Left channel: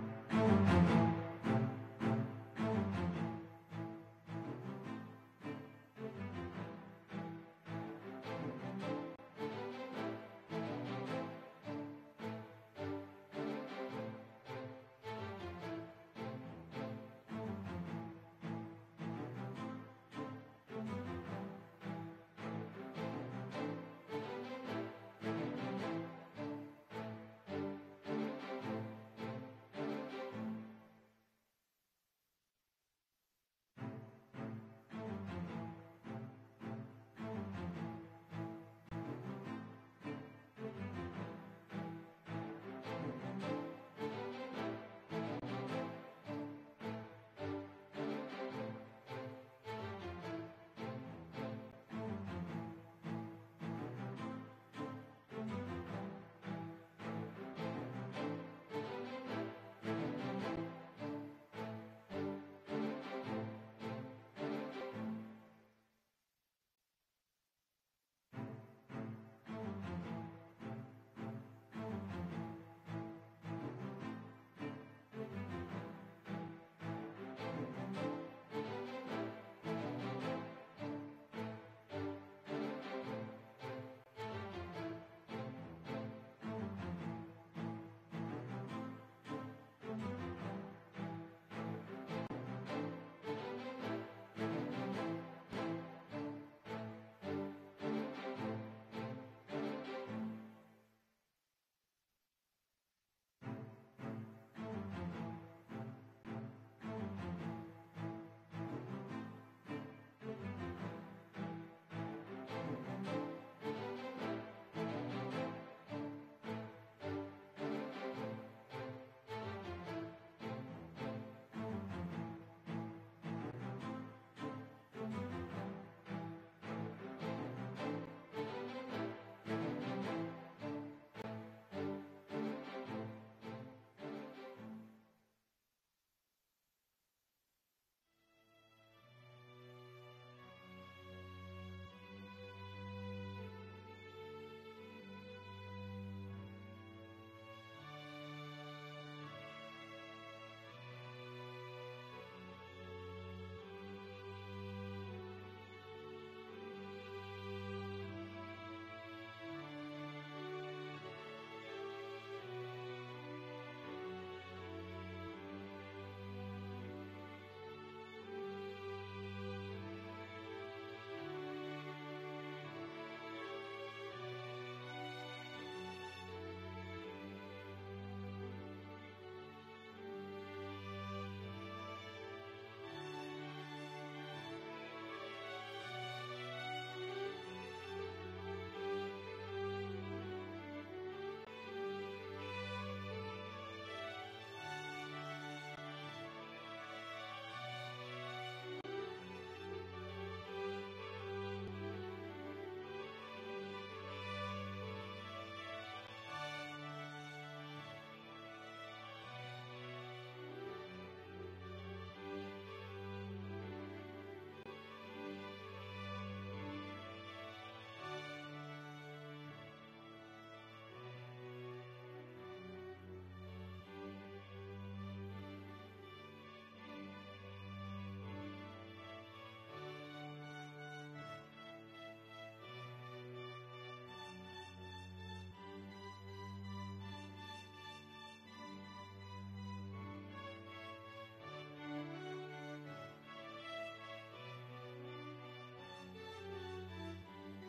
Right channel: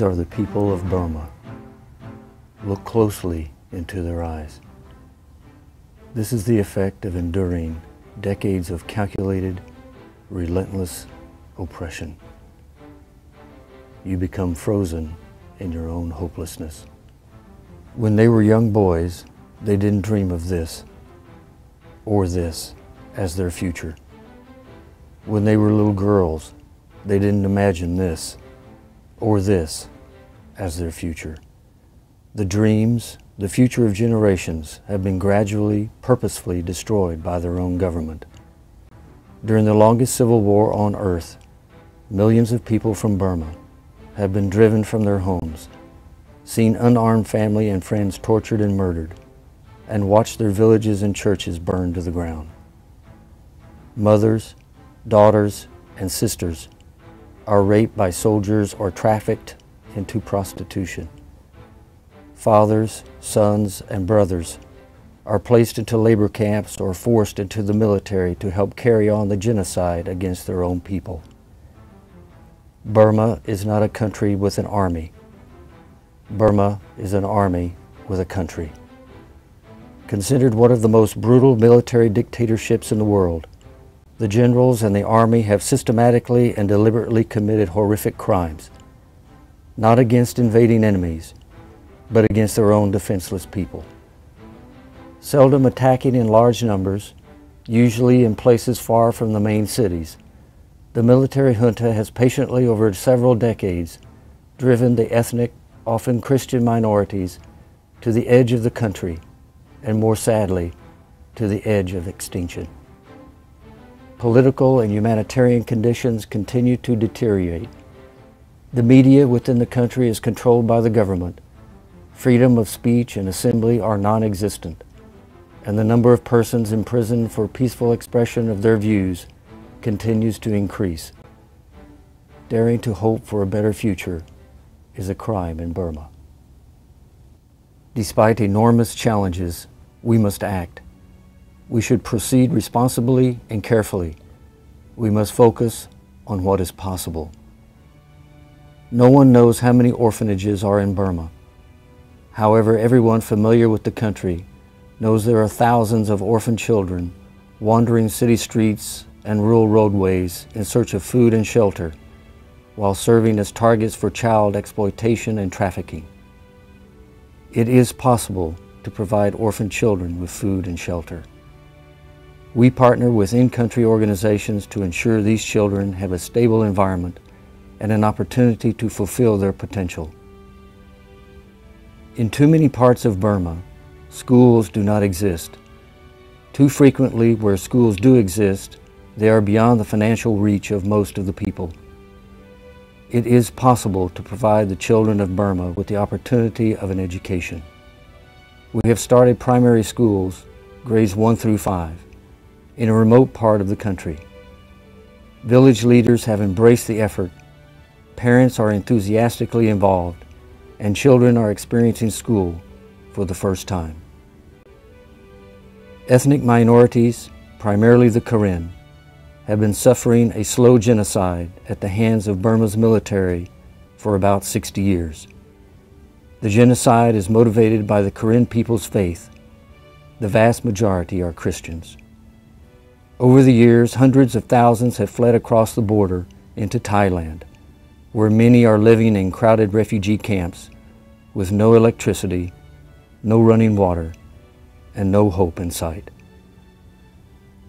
These are the people of Burma. Look closely into their eyes. This is the effect of enduring decades of calculated, relentless oppression. You become frozen in your own hopelessness. When they were young boys, they didn't dream of this or this as their future. When they were little girls, they didn't imagine this or this as their future. The dreams, the future of generations, have been gradually, purposefully destroyed by their own government. During the longest civil war on earth, millions of people from Burma have been driven from their homes, seen unarmed family and friends tortured and murdered, and watched their villages and churches burned to the ground. Mothers, daughters, and sisters are raped by soldiers or trafficked into prostitution. Fathers, sons, and brothers are placed into labor camps or forced into the military to help carry on the genocide against their own people. Burma is not a country with an army. Burma is an army with a country. Considered one of the most brutal military dictatorships in the world, the generals and the army have systematically and deliberately committed horrific crimes, not against invading enemies, but against their own defenseless people. Seldom attacking in large numbers, usually in places far from the main cities, the military junta has patiently over several decades driven the ethnic, often Christian minorities to the edge of the country, and more sadly, to the edge of extinction. Political and humanitarian conditions continue to deteriorate. The media within the country is controlled by the government. Freedom of speech and assembly are non-existent, and the number of persons imprisoned for peaceful expression of their views continues to increase. Daring to hope for a better future is a crime in Burma. Despite enormous challenges, we must act. We should proceed responsibly and carefully. We must focus on what is possible. No one knows how many orphanages are in Burma. However, everyone familiar with the country knows there are thousands of orphan children wandering city streets and rural roadways in search of food and shelter, while serving as targets for child exploitation and trafficking. It is possible to provide orphan children with food and shelter. We partner with in-country organizations to ensure these children have a stable environment and an opportunity to fulfill their potential. In too many parts of Burma, schools do not exist. Too frequently, where schools do exist, they are beyond the financial reach of most of the people. It is possible to provide the children of Burma with the opportunity of an education. We have started primary schools, grades 1 through 5, in a remote part of the country. Village leaders have embraced the effort, parents are enthusiastically involved, and children are experiencing school for the first time. Ethnic minorities, primarily the Karen, have been suffering a slow genocide at the hands of Burma's military for about 60 years. The genocide is motivated by the Karen people's faith. The vast majority are Christians. Over the years, hundreds of thousands have fled across the border into Thailand, where many are living in crowded refugee camps with no electricity, no running water, and no hope in sight.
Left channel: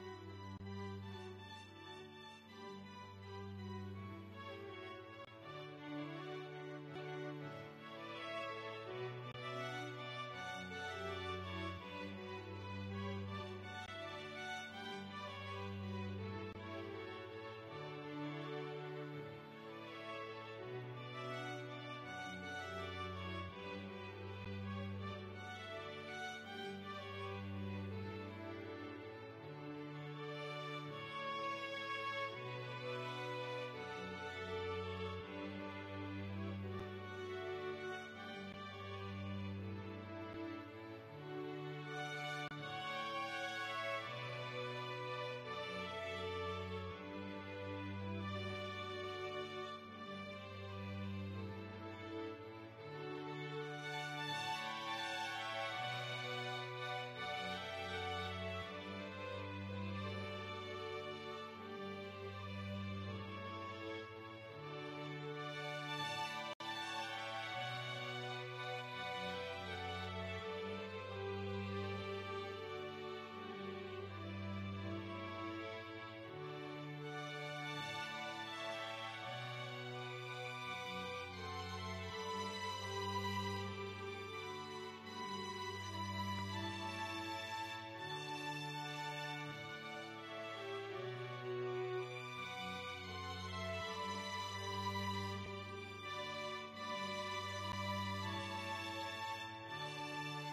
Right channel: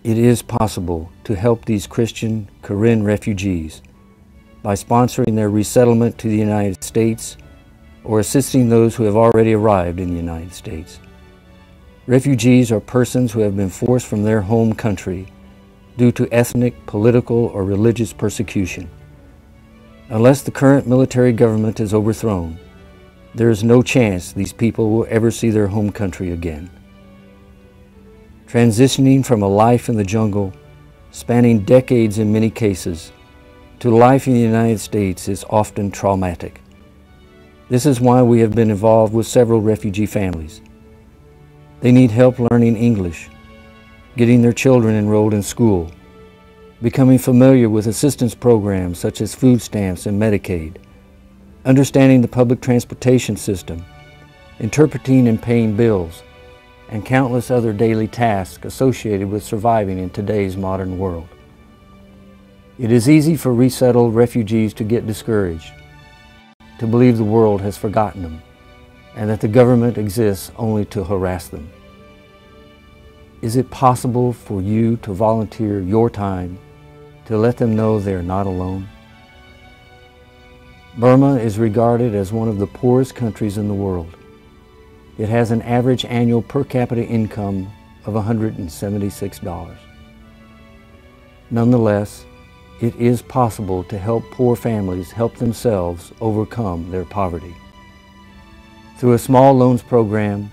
It is possible to help these Christian Karen refugees by sponsoring their resettlement to the United States or assisting those who have already arrived in the United States. Refugees are persons who have been forced from their home country due to ethnic, political, or religious persecution. Unless the current military government is overthrown, there is no chance these people will ever see their home country again. Transitioning from a life in the jungle, spanning decades in many cases, to life in the United States is often traumatic. This is why we have been involved with several refugee families. They need help learning English, getting their children enrolled in school, becoming familiar with assistance programs such as food stamps and Medicaid, understanding the public transportation system, interpreting and paying bills, and countless other daily tasks associated with surviving in today's modern world. It is easy for resettled refugees to get discouraged, to believe the world has forgotten them, and that the government exists only to harass them. Is it possible for you to volunteer your time to let them know they are not alone? Burma is regarded as one of the poorest countries in the world. It has an average annual per capita income of $176. Nonetheless, it is possible to help poor families help themselves overcome their poverty. Through a small loans program,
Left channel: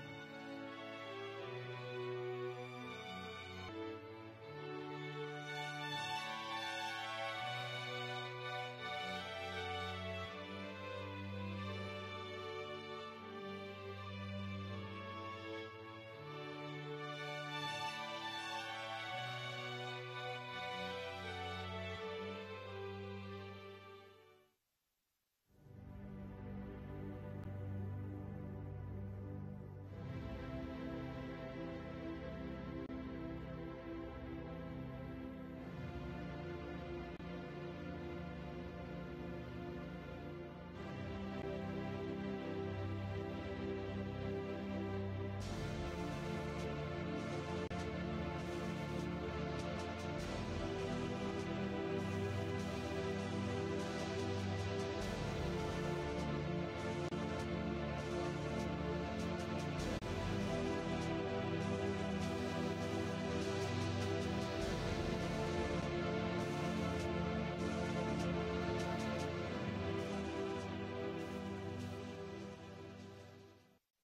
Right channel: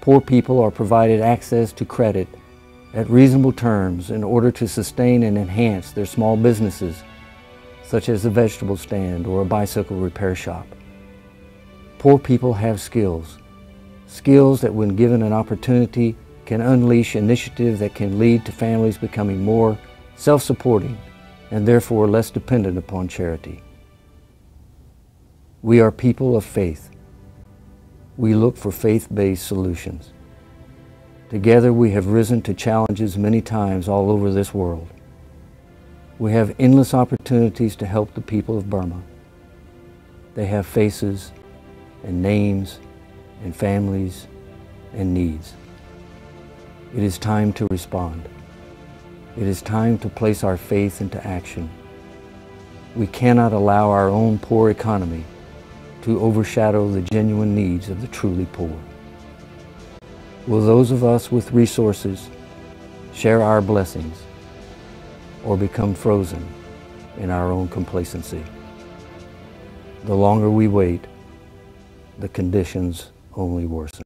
poor people are provided access to credit at reasonable terms in order to sustain and enhance their small businesses, such as a vegetable stand or a bicycle repair shop. Poor people have skills that when given an opportunity can unleash initiative that can lead to families becoming more self-supporting and therefore less dependent upon charity. We are people of faith. We look for faith-based solutions. Together we have risen to challenges many times all over this world. We have endless opportunities to help the people of Burma. They have faces and names and families and needs. It is time to respond. It is time to place our faith into action. We cannot allow our own poor economy to overshadow the genuine needs of the truly poor. Will those of us with resources share our blessings or become frozen in our own complacency? The longer we wait, the conditions only worsen.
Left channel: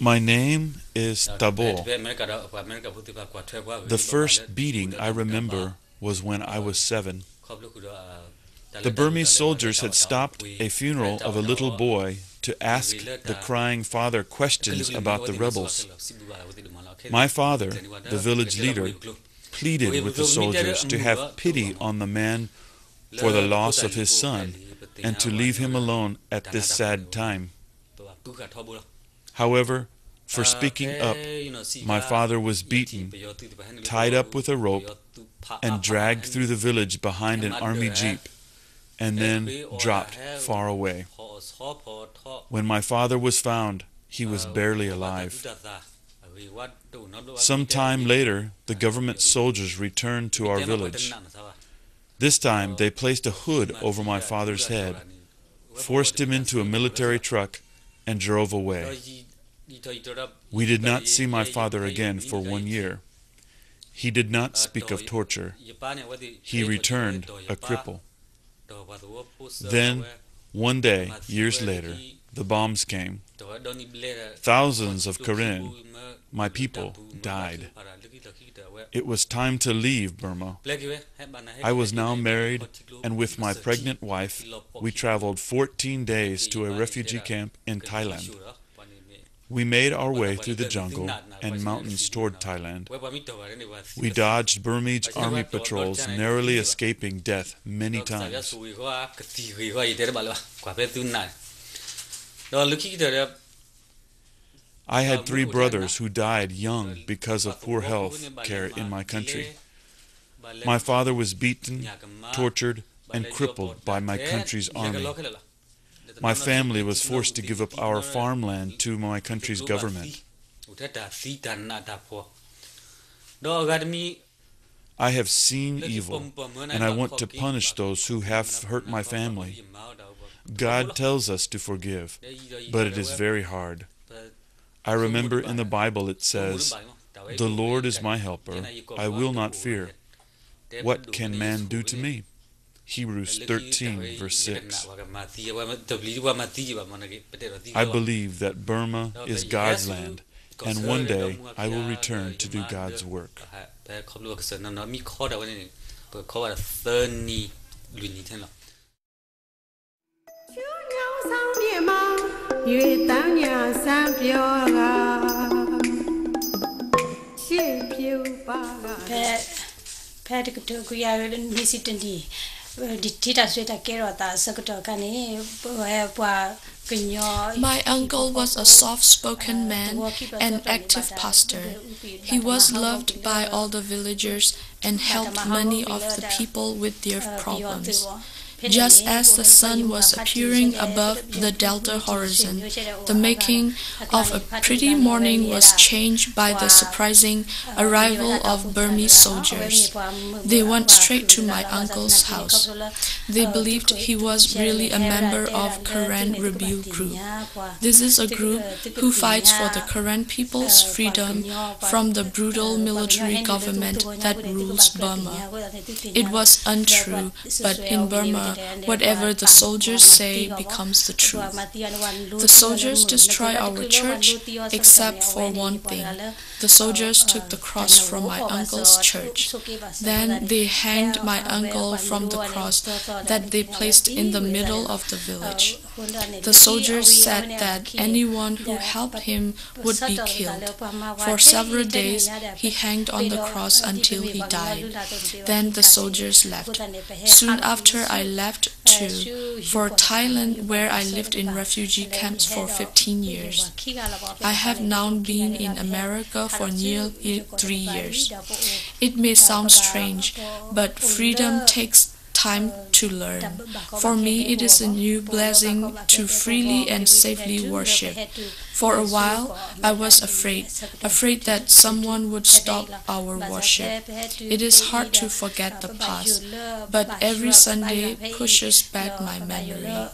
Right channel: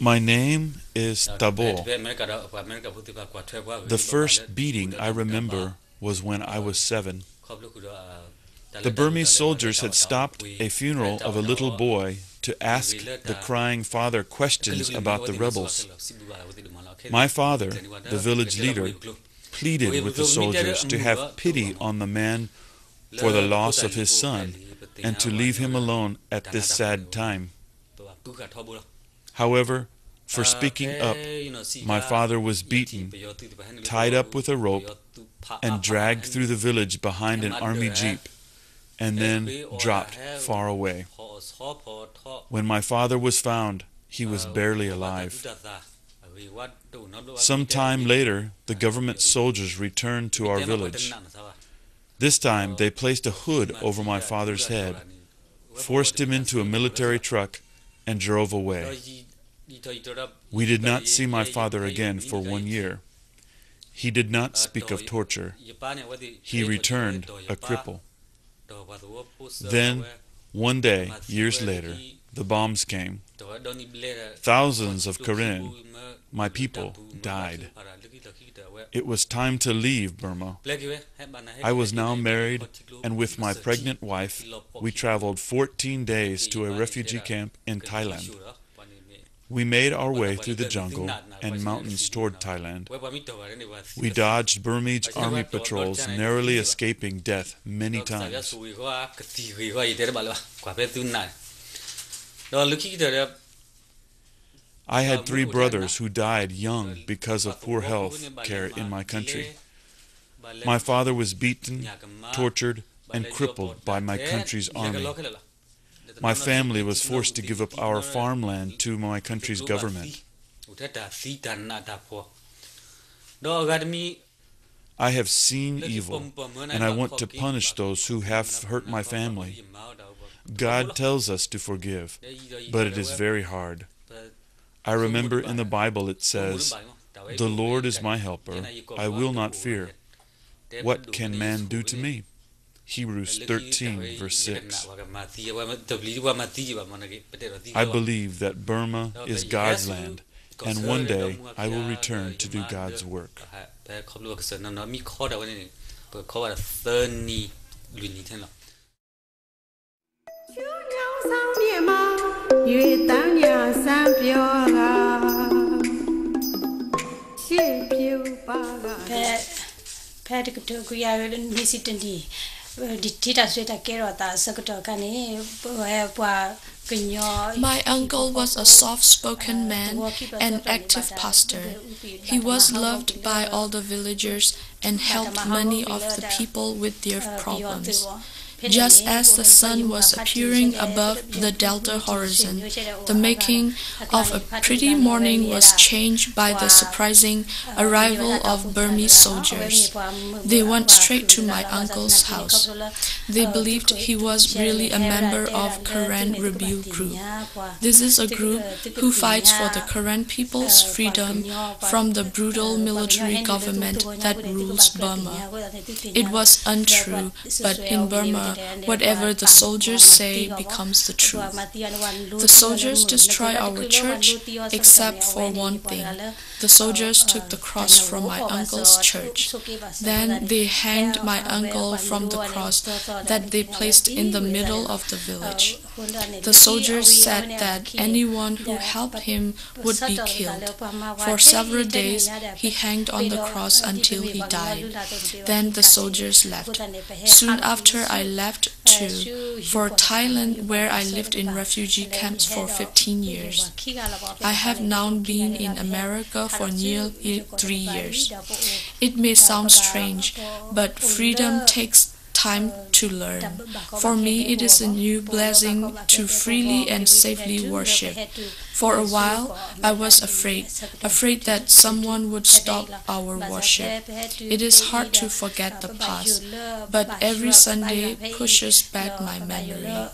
My name is Tabo. The first beating I remember was when I was 7. The Burmese soldiers had stopped a funeral of a little boy to ask the crying father questions about the rebels. My father, the village leader, pleaded with the soldiers to have pity on the man for the loss of his son and to leave him alone at this sad time. However, for speaking up, my father was beaten, tied up with a rope, and dragged through the village behind an army jeep, and then dropped far away. When my father was found, he was barely alive. Some time later, the government soldiers returned to our village. This time, they placed a hood over my father's head, forced him into a military truck, and drove away. We did not see my father again for 1 year. He did not speak of torture. He returned a cripple. Then, one day, years later, the bombs came. Thousands of Karen, my people, died. It was time to leave Burma. I was now married, and with my pregnant wife, we traveled 14 days to a refugee camp in Thailand. We made our way through the jungle and mountains toward Thailand. We dodged Burmese army patrols, narrowly escaping death many times. I had 3 brothers who died young because of poor health care in my country. My father was beaten, tortured, and crippled by my country's army. My family was forced to give up our farmland to my country's government. I have seen evil, and I want to punish those who have hurt my family. God tells us to forgive, but it is very hard. I remember in the Bible it says, "The Lord is my helper, I will not fear. What can man do to me?" Hebrews 13, verse 6. I believe that Burma is God's land, and one day I will return to do God's work. My uncle was a soft-spoken man and active pastor. He was loved by all the villagers and helped many of the people with their problems. Just as the sun was appearing above the delta horizon, the making of a pretty morning was changed by the surprising arrival of Burmese soldiers. They went straight to my uncle's house. They believed he was really a member of Karen rebel group. This is a group who fights for the Karen people's freedom from the brutal military government that rules Burma. It was untrue, but in Burma, whatever the soldiers say becomes the truth. The soldiers destroy our church except for one thing. The soldiers took the cross from my uncle's church. Then they hanged my uncle from the cross that they placed in the middle of the village. The soldiers said that anyone who helped him would be killed. For several days he hanged on the cross until he died. Then the soldiers left. Soon after I left too, for Thailand, where I lived in refugee camps for 15 years. I have now been in America for nearly 3 years. It may sound strange, but freedom takes time to learn. For me, it is a new blessing to freely and safely worship. For a while, I was afraid that someone would stop our worship. It is hard to forget the past, but every Sunday pushes back my memory.